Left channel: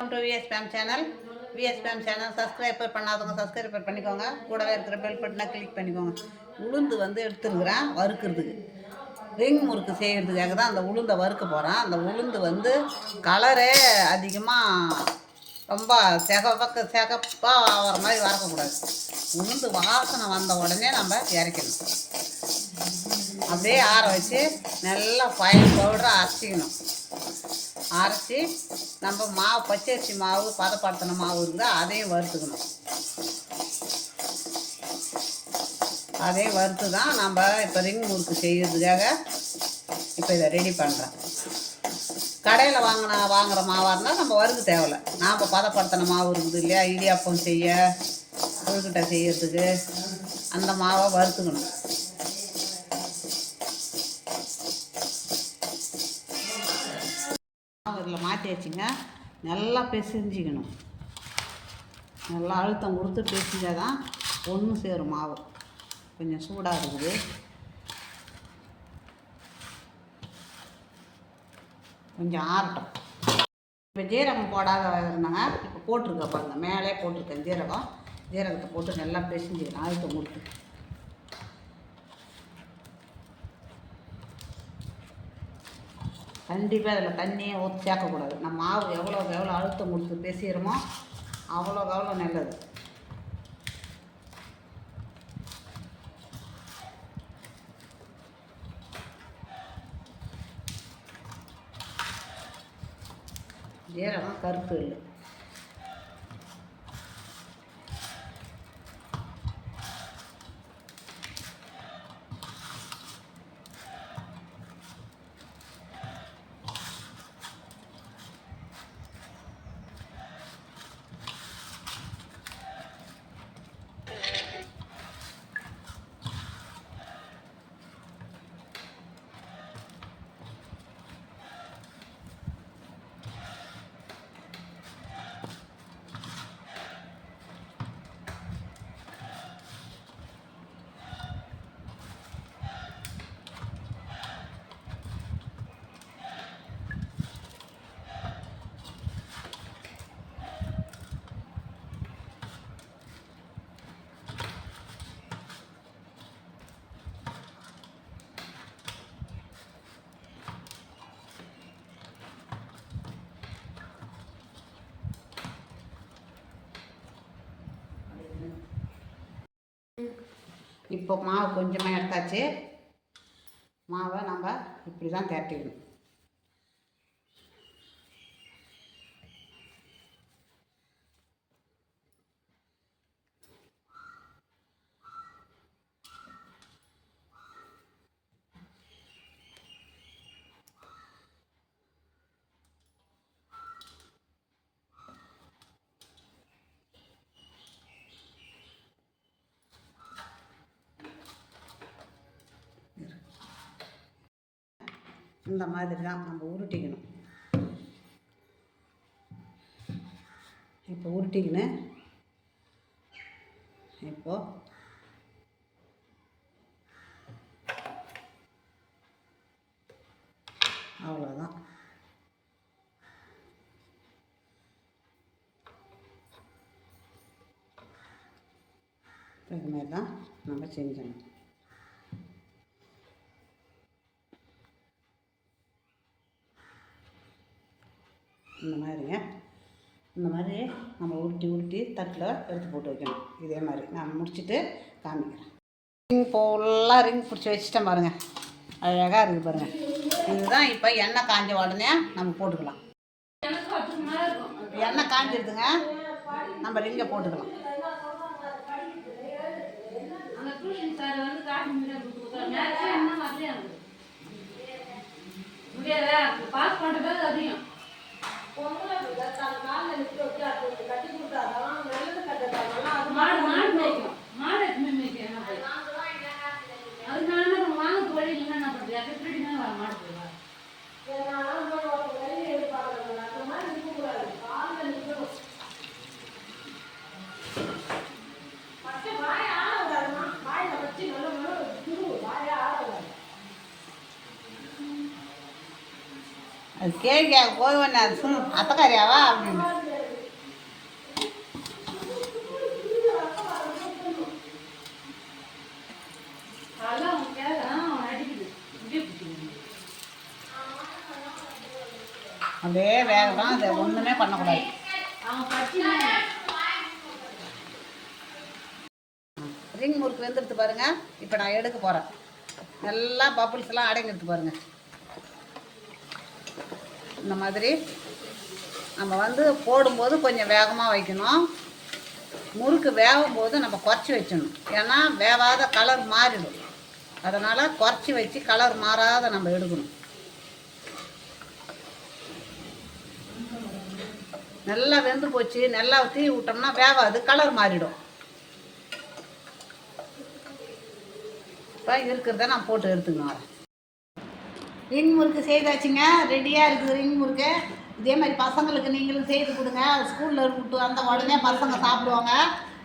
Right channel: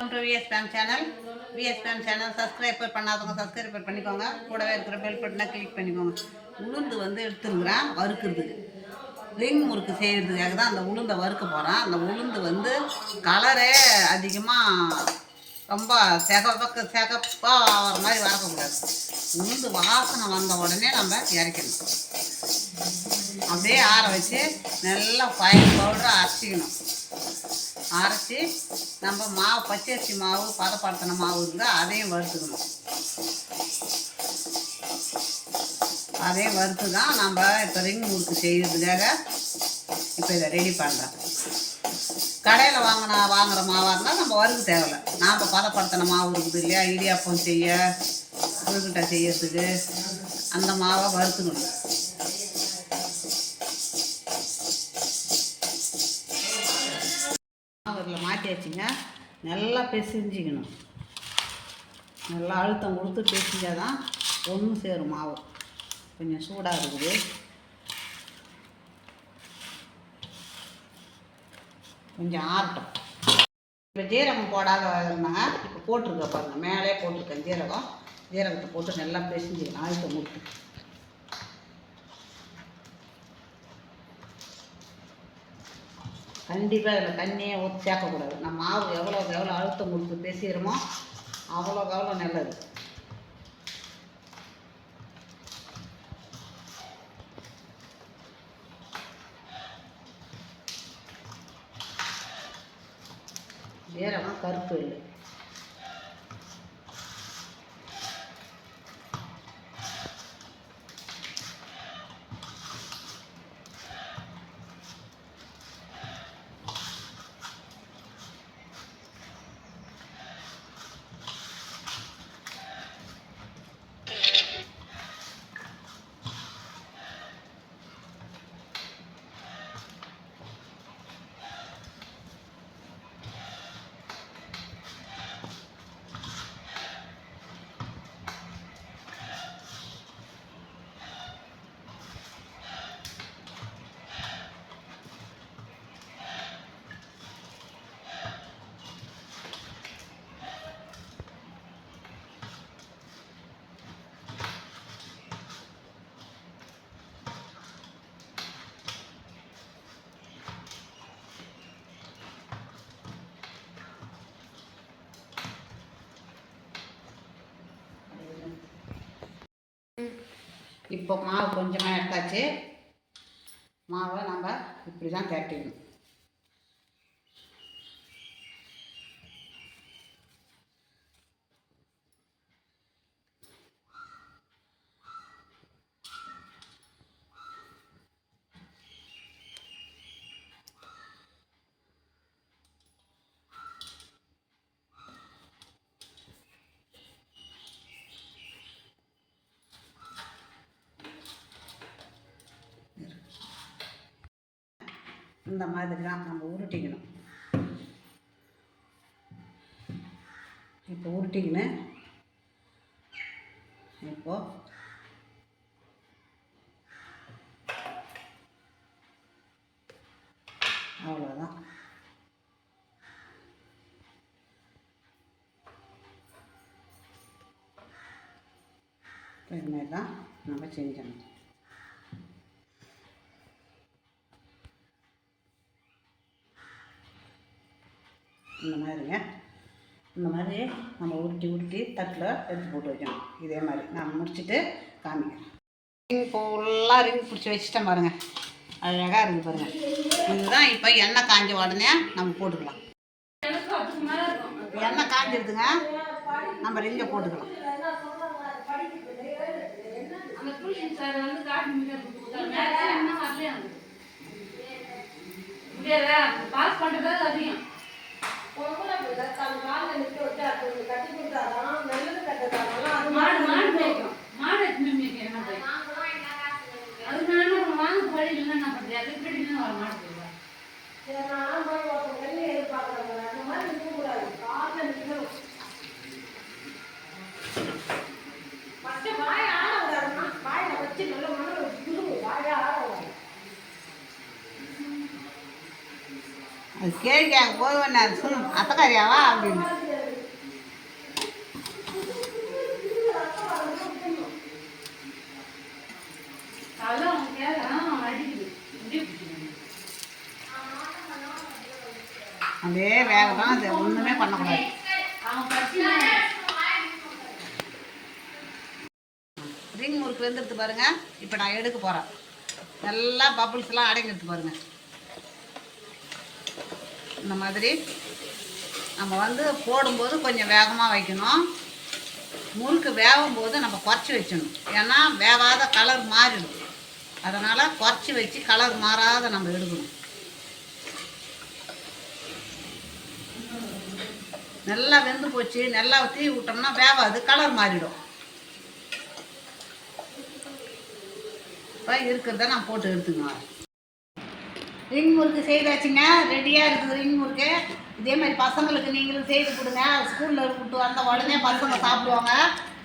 Welcome to VSPM channel. VSPM channel subscriber பண்ணாதவங்க subscriber பண்ணிக்கோங்க. கூடவே இருக்கிற பெல் பட்டனை கிளிக் பண்ணிக்கோங்க. உளுந்து எடுத்துருக்குறேன் வறுக்கிறதுக்கு, ரிங் முறுக்கு செய்கிறதுக்காக தான் அந்த உளுந்தை வறுக்க போகிறேன். அந்த உளுந்து கலரே அதிகமாக ரொம்ப செகப்பாக ஆகிற மாதிரி வறக்கக்கூடாது. உளுந்து வாசனை வந்த உடனே நம்ம இறக்கணும். அப்படியே ஆற வச்சு நல்லா ஃபைன் பவுடராக அரைச்சிக்கணும். அரைச்சி நம்ம மாவு பச்சரிசி மாவு பதப்படுத்தின மாவு இருந்தால் அதையும் வறுத்துக்கணும். அதையும் வறுத்து தான் நம்ம இப்போ ரிங் முறுக்கு செய்கிறதுக்காக இப்போ இதை ரெடி பண்ணுறோம். கடையில் வாங்குகிற மாவாக இருந்தால் நம்ம வறுக்க தேவையில்லை. நாம் பதப்படுத்தின மாவு இருக்குது இல்லையா, இடியாப்பம் செய்ய கொழுக்கட்டை செய்யறதுக்கு அந்த மாவை வறுத்துக்கணும். இதில் மாட்டி வச்சுங்க. நல்லா பிசைஞ்சிக்கணும். நல்லா அழுத்தம் கொடுத்து பிசைஞ்சால் தான் ஒன்று சேரும் மாவு. கொஞ்சம் சூடாக இருக்குது. கொஞ்சம் ஆறட்டும். இப்போ ஜீரகம் போடாத இருந்தாங்க, இப்போ போட்டிருக்க பாருங்கள், மேலே போட்டிருக்கேன் ஜீரகத்தை போட்டு நல்லா பிசைஞ்சிக்கணும் அழுத்தம் கொடுத்து. கண்டிப்பாக அதில் தண்ணியே ஊற்றி சேர்க்கக்கூடாது. நம்ம மாவு எவ்வளோக்கு எவ்வளோ அழுத்தம் கொடுத்து பேசிடுறோமோ அவ்வளோக்கு எவ்வளோ நல்லது. ஜீரகம் கருப்பு இல்லை. இப்போ மாவு கொஞ்சமாக எடுத்தாச்சு. மாவை நம்ம இப்படி தான் திரட்டிக்கணும். இந்த மாதிரி தான் நம்ம உருட்டிக்கணும். இப்போ உருட்டிக்கணும். இப்போது அவ்வளோதான். இது மாதிரி தான் நம்ம செஞ்சணும். இந்த மாதிரி நம்ம உருட்டி தட்டில் எடுத்து போட்டு வைக்கணும். இதே மாதிரி நான் முடிச்சுட்டு காமிக்கிறேன். ரிங் ஃபுல்லாக ரிங் பிடிச்சி வச்சுட்டேன் பாருங்கள், அழகாக இருக்குது பாருங்கள். இதுதான் இப்போ எண்ணெய் காஞ்ச உடனே நம்ம போட்டுக்கலாம். எண்ணெய் காஞ்சிருதுங்க, நம்ம ரிங்கை போட்டுக்கலாம். பாஸ் பண்ணுறது அதிகம். அது கேள்வி போய் ஒன்று அத்தக்காரியாவா அப்படின்னு அதுக்காக தான் இதை ஒன்றுமே பண்ணக்கூடாது. ரிங் முறுக்கு வெந்துடுத்து பாருங்கள். இப்போ நான் எடுக்க போகிறேன். நல்லா பப்புள்ஸ்லாம் அடங்கிடுத்து பாருங்கள். இந்த மாதிரி நம்ம வந்து போடும்போது கொஞ்சம் வேகமாக வைக்கணும். முறுக்கு வேகும்போது நம்ம குறைச்சி வச்சிடணும். ஏன்னா வேகாத கலர் மாறிடும். அதனால் குறைச்சி வச்சு கலர் மாறாத நம்ம எடுக்கணும். நல்லா வெந்து போச்சு, நல்லா தீ விட்டோம்னா வேகாது, கலர் மாறிடும். இப்போ இருக்கிறத நான் போட்டு எடுத்துக்கணும். ரிங் முறுக்கு செய்தாச்சுங்க, ரெடியாக இருக்குது ரிங் முறுக்கு. இதே மாதிரி பசங்களுக்கு நீங்களும் செய்து கொடுங்க. ஸ்கூலில் விட்டு வந்த உடனே பசங்க சாப்பிடுவாங்க.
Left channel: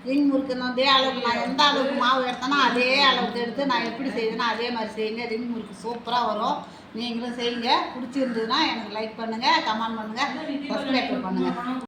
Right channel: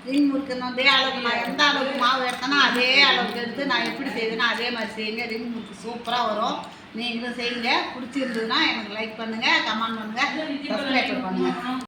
ரிங் முறுக்கு அதே அளவுக்கு நான் எந்த அளவுக்கு மாவு எடுத்தேனோ அதே அளவுக்கு எடுத்து நான் எப்படி செய்வேனோ அதே மாதிரி செய்யுங்க. ரிங் முறுக்கு சூப்பராக வரும். நீங்களும் செய்யுங்க. பிடிச்சிருந்ததுன்னா எனக்கு லைக் பண்ணுங்கள், கமெண்ட் பண்ணுங்கள், சப்ஸ்கிரைப் பண்ணுங்கள்.